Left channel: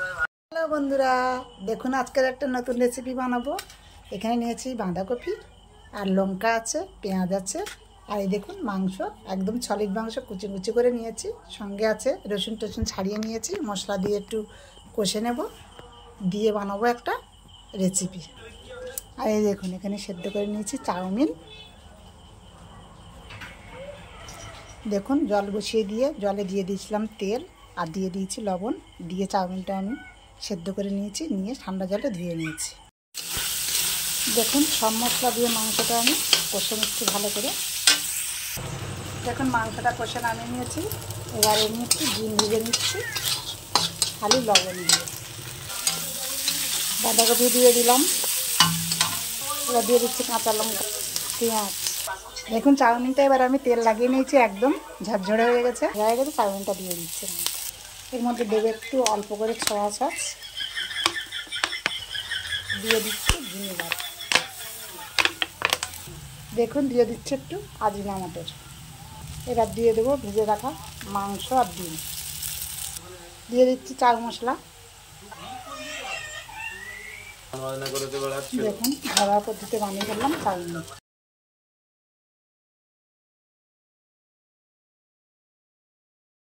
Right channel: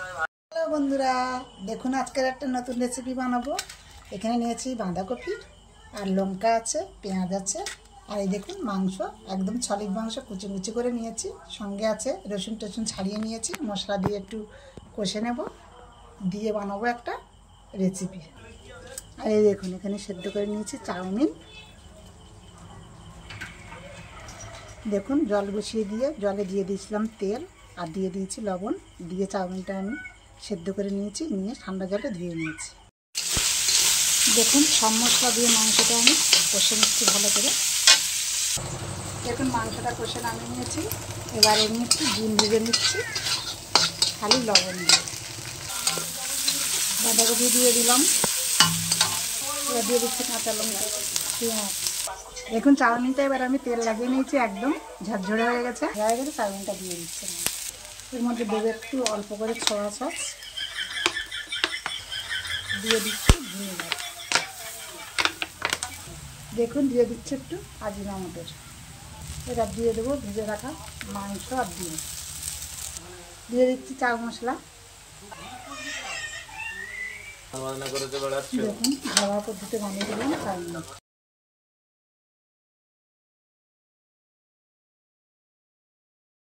Hello বন্ধুরা, দেখুন আজকের একটা নতুন রেসিপি বানাবো। এখানে নিয়েছি বাঁধাকপি আর লঙ্কা আছে, পেঁয়াজ আছে, আর এই দেখুন মাংস, একদম সলিড মাংস কুচি কুচি করে নিয়েছি। সঙ্গে আছে রসুন টসুন ছাড়িয়ে নিয়েছি, মশলা দিয়ে একটু কষে নেব, দিয়ে বানাবো একটা রেসিপি। আর এই দেখুন এখানে সেদ্ধ করে নিয়েছি চাউমিন। দেখুন জল বসিয়ে দিয়ে জলে দিয়ে দিয়েছিলাম তেল আর দিয়ে দিয়েছি লবণ, দিয়ে চাউমিনটা আমি সেদ্ধ করে নিয়েছি, নিয়ে ঠান্ডা জলে ধুয়ে নিয়েছি। দেখুন সব মশলা দিয়ে মাংসটা আমি কষে নিচ্ছি ভালো করে। দেখুন মাংসটা কষে নামিয়ে নিয়েছি। এবারে আমি একটু ডিম ভেজে নিচ্ছি খালি লবণ দিয়ে। বাঁধাকপি দিয়ে দিলাম, এবার দিয়ে দিচ্ছি কাঁচা লঙ্কা, পেঁয়াজ। দেখুন চাউমিনটা এবার আমি তেল লাগিয়ে নিয়েছি, একদম ঝরঝরে হয়ে গেছে। চাউমিনটা দিয়ে দিচ্ছি, এর মধ্যে দেবে একটু অল্প করে সয়া সস, দিয়ে দিচ্ছি ভিনেগার, দেখুন দিয়ে দিচ্ছি একটু আজিনামোটো। এবার দিয়ে দেবো ভেজে রাখা মাংস আর ডিম, দিয়ে দিচ্ছি চাট মশলা। দেখুন ঘরোয়া পদ্ধতিতে বানিয়ে ফেললাম চাউমিন।